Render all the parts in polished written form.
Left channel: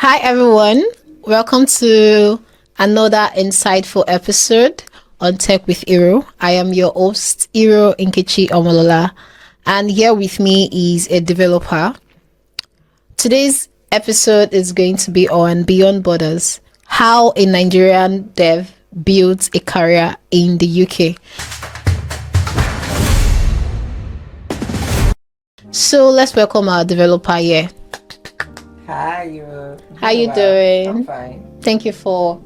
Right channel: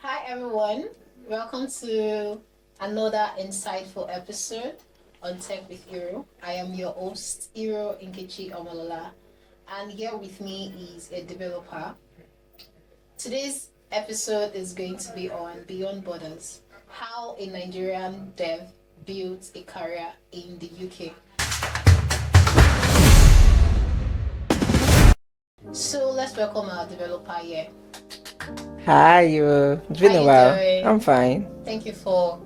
Hi, everyone. Welcome to another insightful episode on Tech with Iro. I am your host, Iro Nkechi Omolola, and here with me is a developer. Today's episode is going to be on Beyond Borders, how a Nigerian dev builds a career in the UK. So let's welcome our developer here. Hi, you. How you doing? I'm fine. Thank you for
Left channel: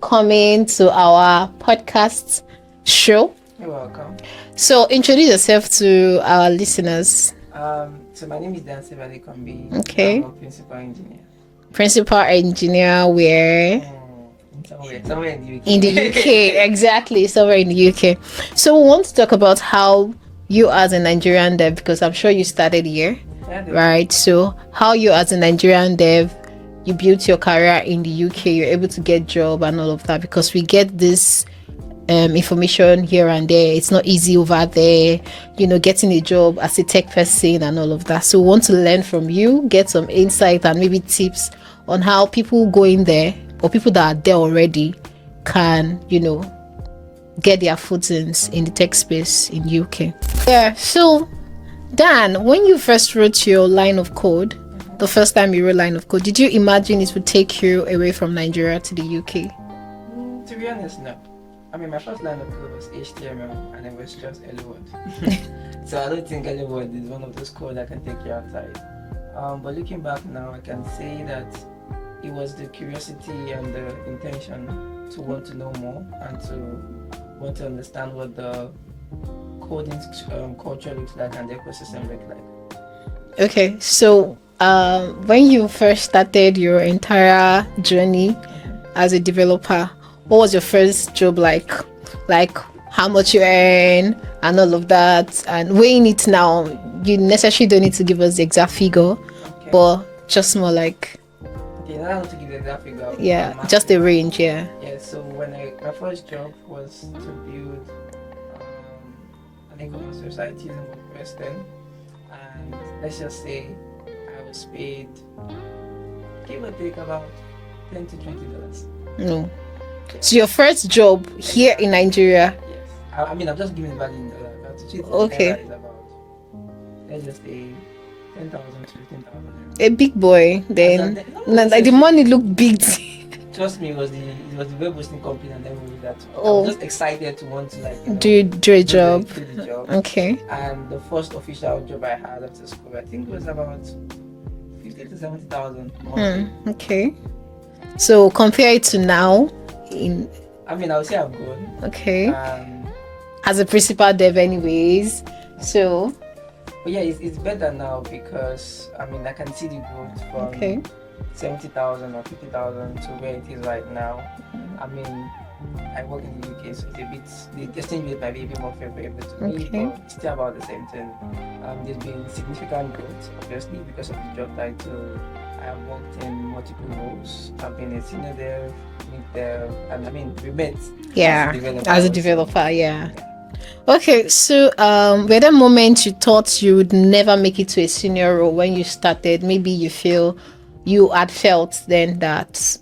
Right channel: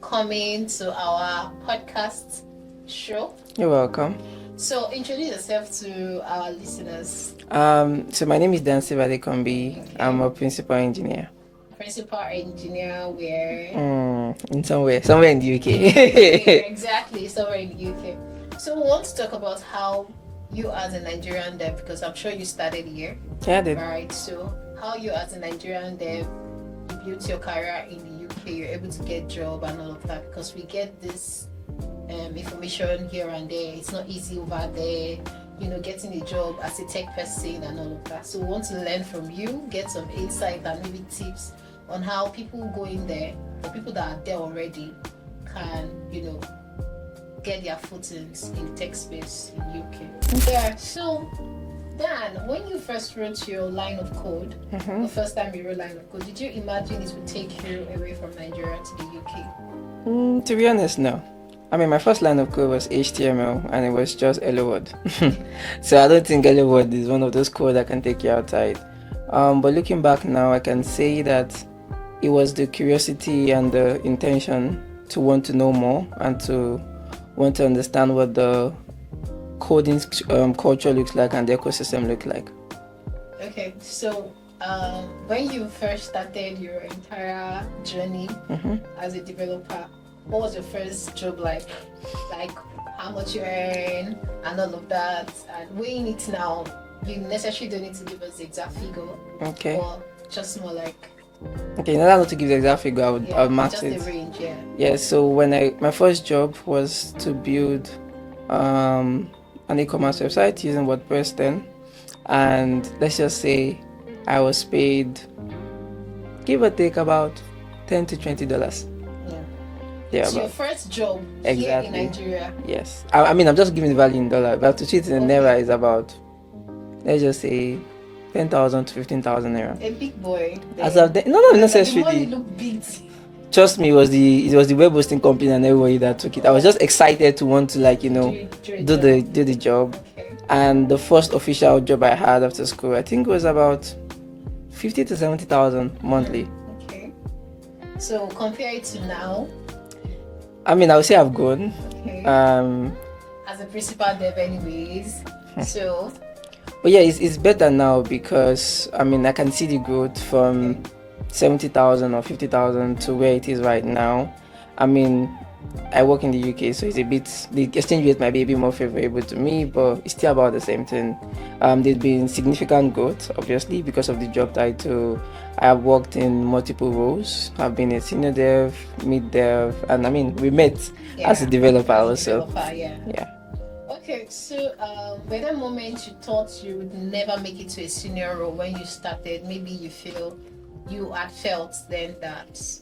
coming to our podcast show. You're welcome. So introduce yourself to our listeners. So my name is Dansteve Adekanbi. Okay. I'm a principal engineer. Principal engineer where? Somewhere in the UK. In the UK, exactly, somewhere in the UK. So we want to talk about how you as a Nigerian dev, because I'm sure you started here. Yeah, right? So how you as a Nigerian dev, you built your career in the UK, you're able to get job and all of that, because we get this information here and there. It's not easy over there, getting a job as a tech person and all of that. So we want to learn from you, get some insight and maybe tips on how people going there or people that are there already can, get their footings in the tech space in UK. Yeah, so Dan, when you first wrote your line of code, the first time you wrote line of code, did you imagine it would take you away from Nigeria to the UK? To be honest, no. I mean, my first line of code was HTML and it was just Hello World. So I don't think Hello World is one of those code that can take you outside. But looking back now, I can say that it was the curiosity and the intention to want to know more and to want to understand what the coding culture looks like and the ecosystem looks like. Okay, so when you first started your entire journey as a developer, what was your first job like? Like how much you earn and all of that, and weighing it now, you necessarily don't need to give us the exact figure, but just more like. Okay, now not to give the exact figure, I would just the range, yeah. Yeah, so my first job was to build an e-commerce website using WordPress then, and let's just say I was paid, give or take, about $10 to $20. No. Yeah, so your first job here in Nigeria? Yes. I mean, I'm just giving the value in dollar, but to treat it in naira is about, let's just say, 10,000 to 15,000 naira. A big boy then. Like the money looked big. Trust me, it was the web hosting company and everybody that took it. I was just excited to want to do the job. Okay. And the first official job I had after school, I think it was about 50 to 70,000 monthly. Okay. So compare it to now. I mean, I would say I've grown. Okay. As a principal dev, anyways. So. But yeah, it's better now because I mean I can see the growth from 70,000 or 50,000 to where it is right now. I mean, I work in the UK, so it's a bit, the exchange rate might be a bit more favorable to me, but it's still about the same thing. There's been significant growth, obviously, because of the job title. I have worked in multiple roles. I've been a senior dev, mid dev, and I mean, we met as a developer. Yeah. Okay, so were there moments you thought you would never make it to a senior role when you started? Maybe you had felt then that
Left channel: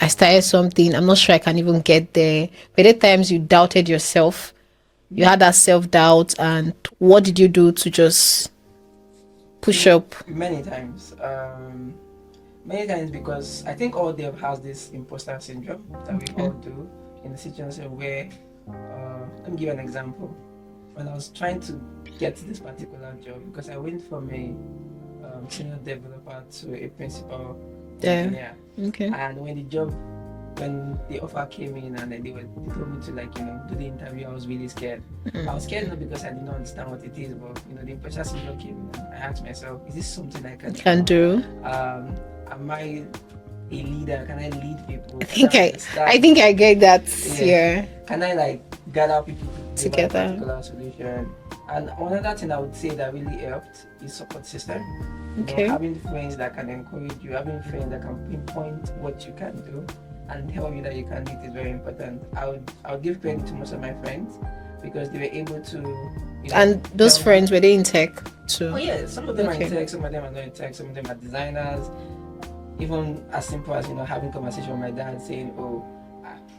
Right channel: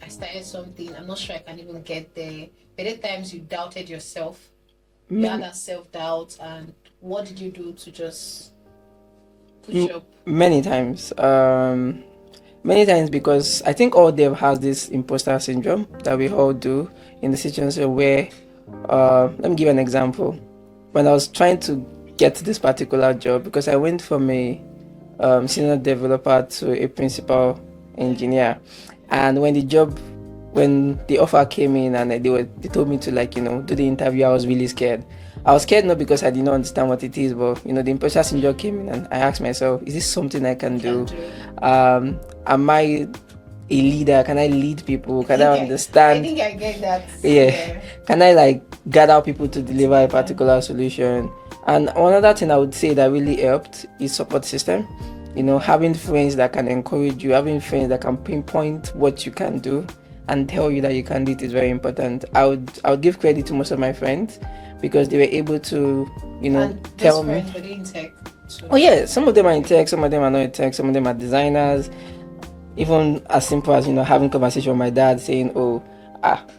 I started something, I'm not sure I can even get there. Were there times you doubted yourself? You had that self-doubt, and what did you do to just push up? Many times. Because I think all dev has this imposter syndrome that we all do in the situation where let me give an example. When I was trying to get this particular job, because I went from a senior developer to a principal engineer, and when the offer came in and they told me to do the interview, I was really scared. I was scared not because I did not understand what it is, but the imposter syndrome came in, and I asked myself, is this something I can do? Am I a leader? Can I lead people? Can I understand? I think I get that. Yeah. Can I gather people to deliver a particular solution? And another thing I would say that really helped is support system. Having friends that can encourage you, having friends that can pinpoint what you can do and tell you that you can do it is very important. I would give credit to most of my friends because they were able to, And those friends, were they in tech too? Oh yeah, some of them are in tech, some of them are not in tech, some of them are designers. even as simple as having conversation with my dad saying, oh,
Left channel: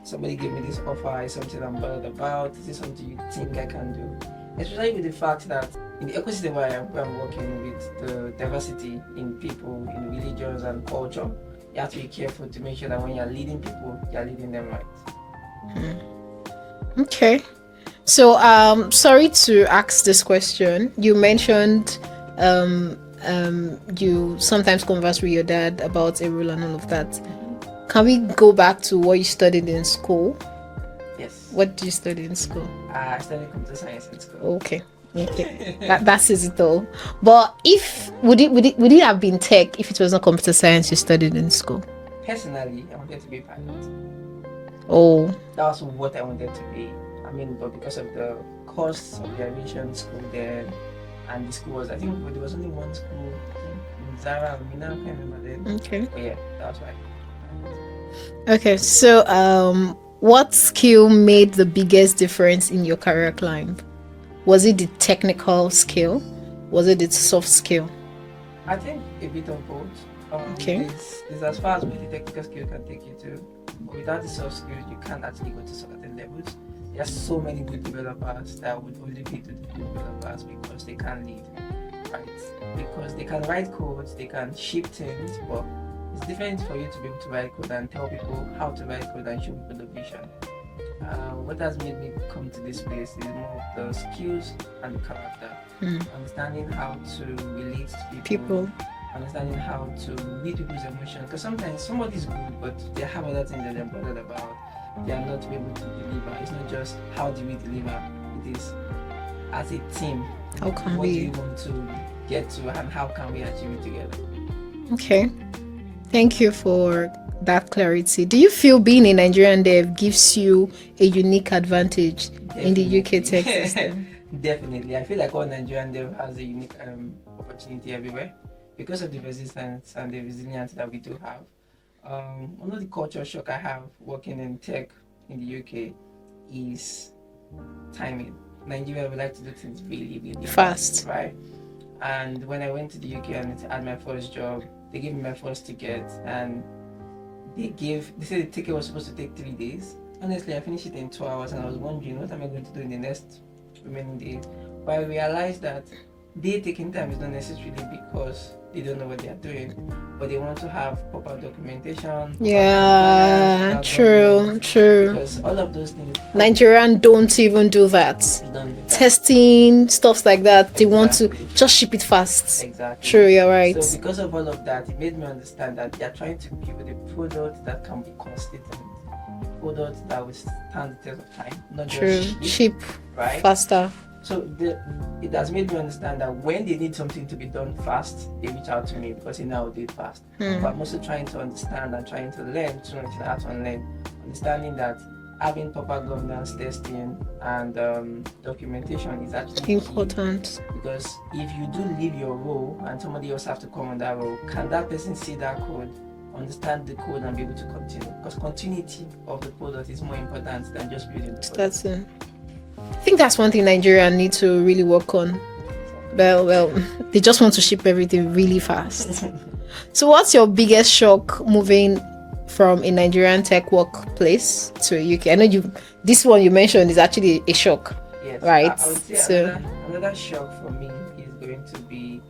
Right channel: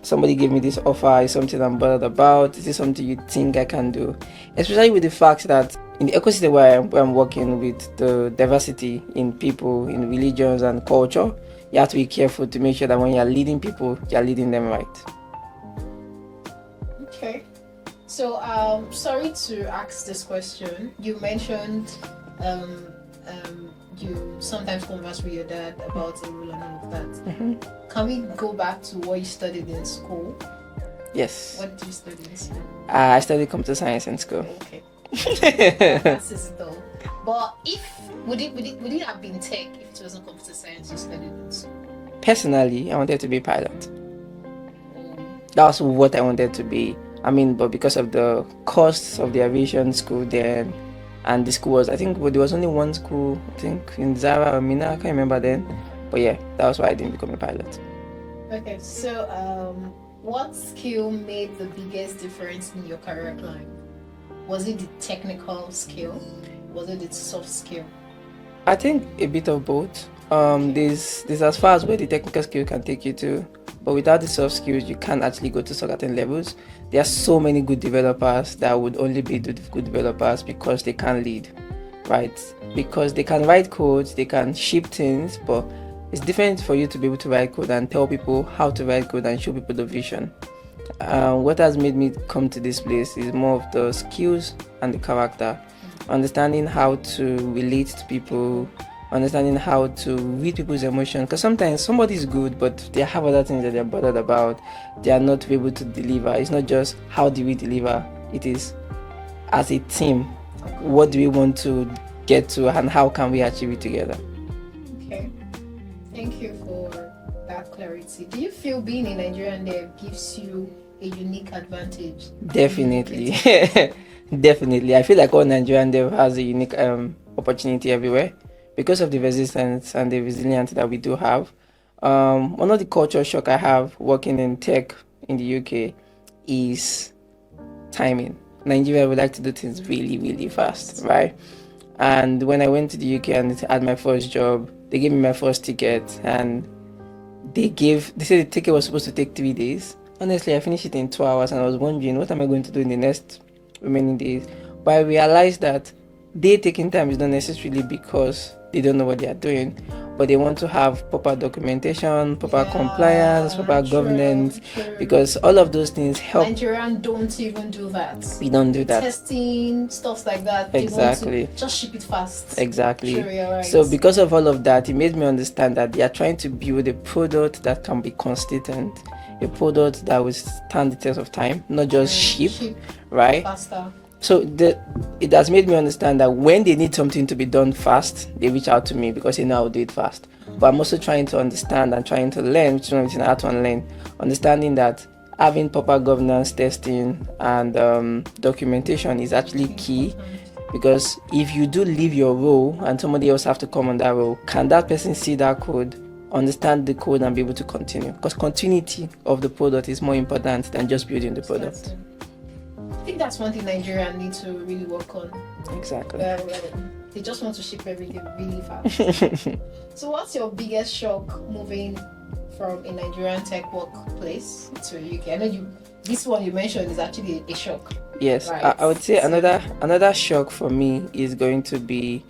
somebody gave me this offer, is something I'm bothered about, is this something you think I can do? Especially with the fact that in the ecosystem where I'm working with the diversity in people, in religions and culture, you have to be careful to make sure that when you're leading people, you're leading them right. Okay. So sorry to ask this question. You mentioned you sometimes converse with your dad about a rule and all of that. Can we go back to what you studied in school? Yes. What did you study in school? I studied computer science in school. Okay. That says it all. But would it have been tech if it was not computer science you studied in school? Personally, I wanted to be a pilot. Oh. That's what I wanted to be. But because of the costs of the aviation school then, and the school was, I think there was only one school, I think in Zara or Mina, I can't remember then. Okay. But yeah, that was why I didn't become a pilot. Okay, so what skill made the biggest difference in your career climb? Was it the technical skill? Was it the soft skill? I think a bit of both. This as far as where the technical skill can take you to, but without the soft skills, you can't actually go to certain levels. There are so many good developers that would only be good developers because they can lead, right? Because they can write codes, they can ship things, but it's different for you to be able to write code and tell people how to write code and show people the vision. What has made me come to this place is more of the skills and the character, understanding how to relate to people. Understanding how to read people's emotions, because sometimes somebody is good but they have other things that they're bothered about, they are not able to deliver. It's not just how do we deliver, it is as a team, what do we want to get to and how can we achieve it together. Okay, thank you for that clarity. Do you feel being a Nigerian dev gives you a unique advantage in the UK tech system? Definitely. I feel like all Nigerian dev has a unique opportunity everywhere because of the resistance and the resilience that we do have. One of the culture shock I have working in tech in the UK is timing. Nigeria would like to do things really, really fast, right? And when I went to the UK and had my first job, they gave me my first ticket and they said the ticket was supposed to take 3 days. Honestly, I finished it in 2 hours and I was wondering, what am I going to do in the next remaining days? But I realized that they taking time is not necessarily because they don't know what they are doing, but they want to have proper documentation, proper compliance, proper governance. True. Because all of those things help. Nigerian don't even do that. We don't do that. Testing, stuff like that. They want Exactly. to just ship it fast. Exactly. True, you're right. So because of all of that, it made me understand that they are trying to build a product that can be consistent, a product that will stand the test of time, not just cheap, right? Faster. So it has made me understand that when they need something to be done fast, they reach out to me because they know I'll do it fast. But I'm also trying to understand and trying to learn, which is how to unlearn, understanding that having proper governance, testing, and documentation is actually important. Key. Because if you do leave your role and somebody else have to come on that role, can that person see that code, understand the code, and be able to continue? Because continuity of the product is more important than just building the product. I think that's one thing Nigeria need to really work on. Exactly. Well, they just want to ship everything really fast. So what's your biggest shock moving from a Nigerian tech workplace to a UK? I know this one you mentioned is actually a shock. Yes, right. I would say another shock for me is going to be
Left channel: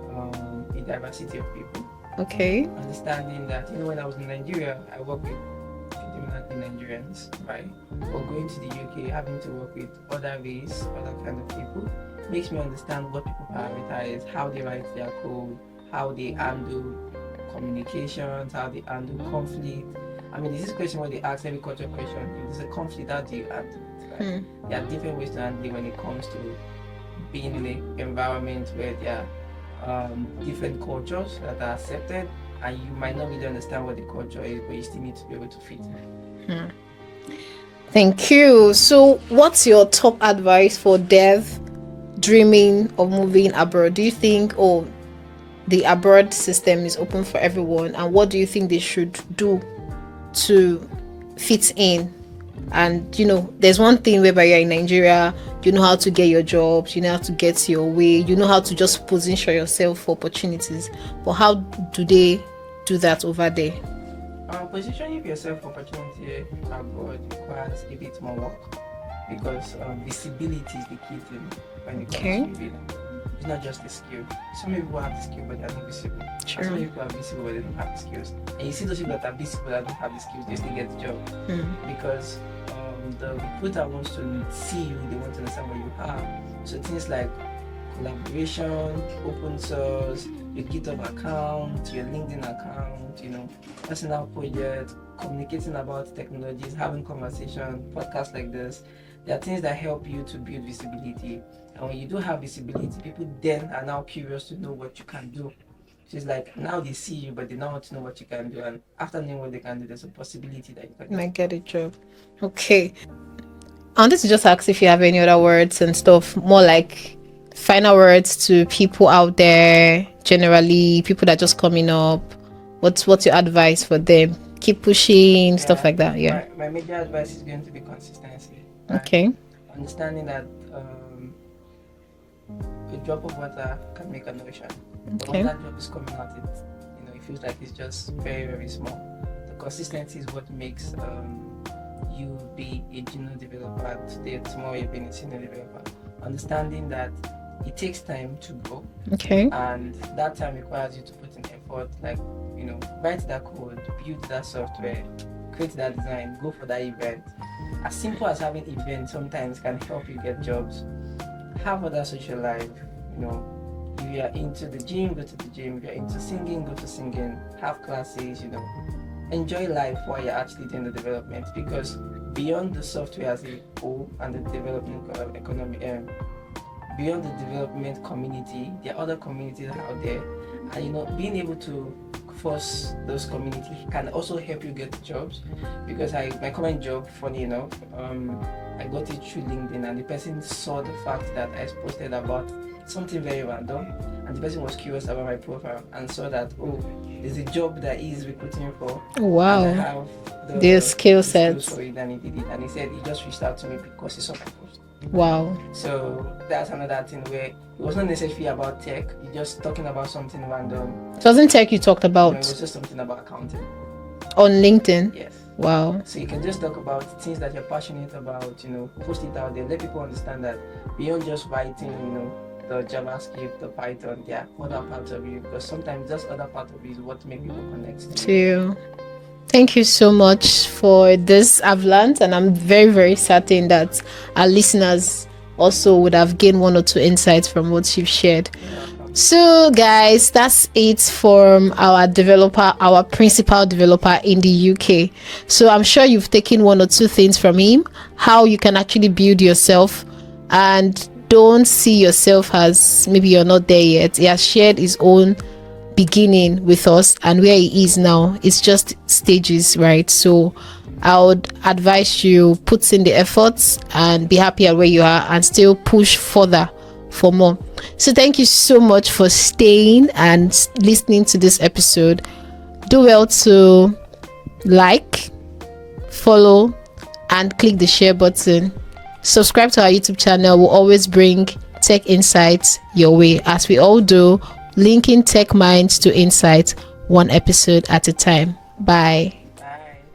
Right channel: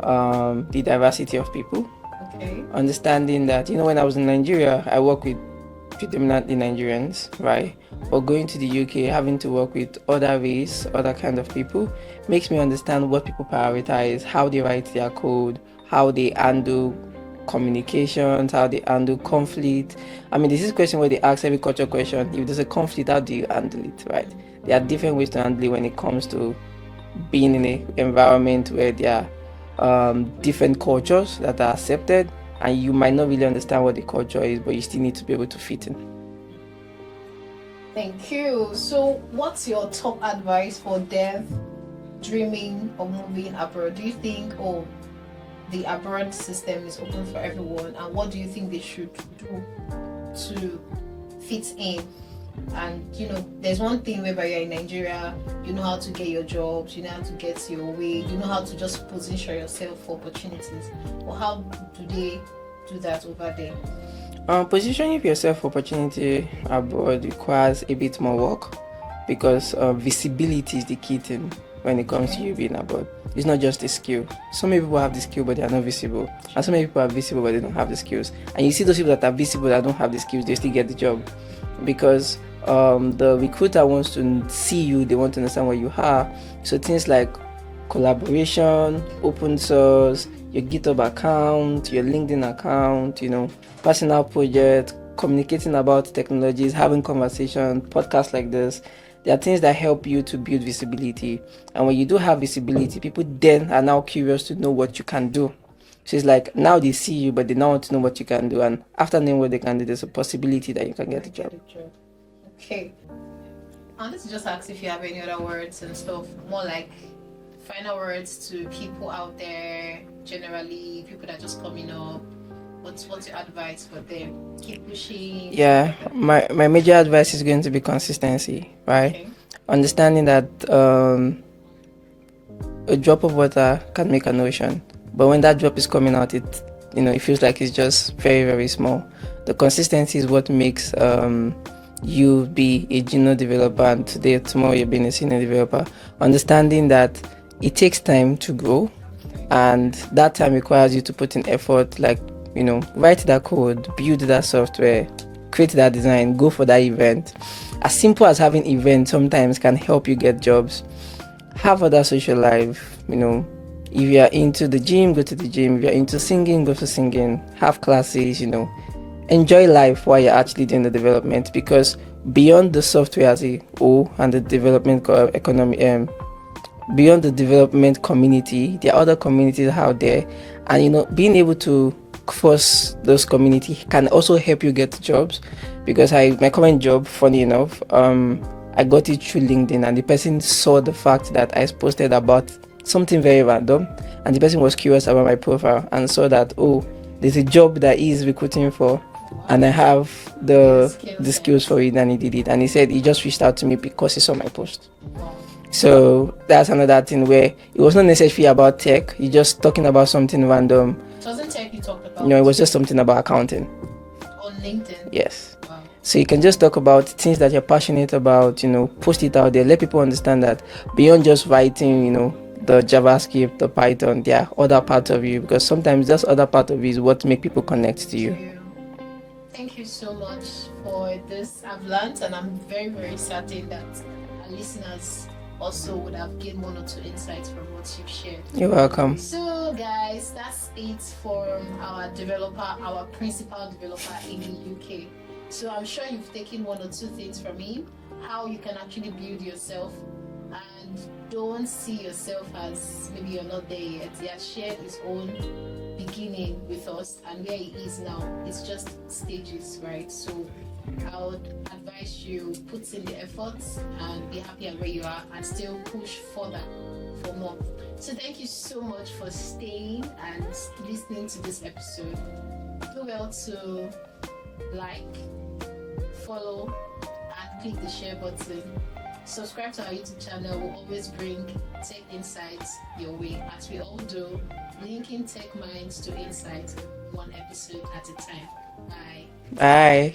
the diversity of people. Okay. Understanding that, when I was in Nigeria, I work with predominantly Nigerians, right? But going to the UK, having to work with other race, other kind of people, makes me understand what people prioritize, how they write their code, how they handle communications, how they handle conflict. This is a question where they ask every culture question. If there's a conflict, how do you handle it, right? There are different ways to handle it when it comes to being in an environment where there are different cultures that are accepted, and you might not really understand what the culture is, but you still need to be able to fit in. Thank you. So what's your top advice for dev dreaming of moving abroad? Do you think the abroad system is open for everyone, and what do you think they should do to fit in? And there's one thing whereby you're in Nigeria, you know how to get your jobs, you know how to get your way, you know how to just position yourself for opportunities. But how do they do that over there? Positioning yourself for opportunity abroad requires a bit more work because visibility is the key thing when it comes to you being abroad. It's not just a skill. So many people have the skill but they are not visible. And so many people are visible but they don't have the skills. And you see those people that are visible that don't have the skills, they still get the job. Because the recruiter wants to see you, they want to understand what you are. So things like collaboration, open source, your GitHub account, your LinkedIn account, personal project, communicating about technologies, having conversation, podcasts like this. There are things that help you to build visibility. And when you do have visibility, people then are now curious to know what you can do. So it's like now they see you, but they now want to know what you can do. And after knowing what they can do, there's a possibility that you can get a job. Okay. I wanted to just ask if you have any other words and stuff, more like final words to people out there, generally, people that are just coming up. What's your advice for them? Keep pushing, stuff like that. Yeah. My major advice is going to be consistency, right? Okay. Understanding that a drop of water can make an ocean, but when that drop is coming out, it feels like it's just very, very small. The consistency is what makes you be a junior developer, and tomorrow you're being a senior developer. Understanding that it takes time to grow, and that time requires you to put in effort, like write that code, build that software, create that design, go for that event. As simple as having events sometimes can help you get jobs. Have other social life, if you're into the gym, go to the gym. If you're into singing, go to singing. Have classes, enjoy life while you're actually doing the development, because beyond the software as a whole and the development economy, beyond the development community, there are other communities out there, and being able to cross those communities can also help you get jobs. Because my current job, funny enough, I got it through LinkedIn, and the person saw the fact that I posted about something very random, and the person was curious about my profile and saw that there's a job that he's recruiting for. Wow. And I have the skills for it, and he did it. And he said he just reached out to me because he saw my post. Wow. So that's another thing where it was not necessarily about tech. You're just talking about something random. It wasn't tech you talked about? It was just something about accounting. On LinkedIn? Yes. Wow. So you can just talk about things that you're passionate about, post it out there. Let people understand that beyond just writing, the JavaScript, the Python, there are other parts of you, because sometimes this other part of you is what make people connect to you. Thank you so much for this. I've learned, and I'm very, very certain that our listeners also would have gained one or two insights from what you've shared. You're welcome. So guys, that's it from our principal developer in the UK. So I'm sure you've taken one or two things from him, how you can actually build yourself, and don't see yourself as maybe you're not there yet. He has shared his own beginning with us, and where he is now, it's just stages, right? So I would advise you put in the efforts and be happy at where you are, and still push further for more. So thank you so much for staying and listening to this episode. Do well to like, follow, and click the share button. Subscribe to our YouTube channel. We'll always bring tech insights your way, as we all do, linking tech minds to insights, one episode at a time. Bye. Bye.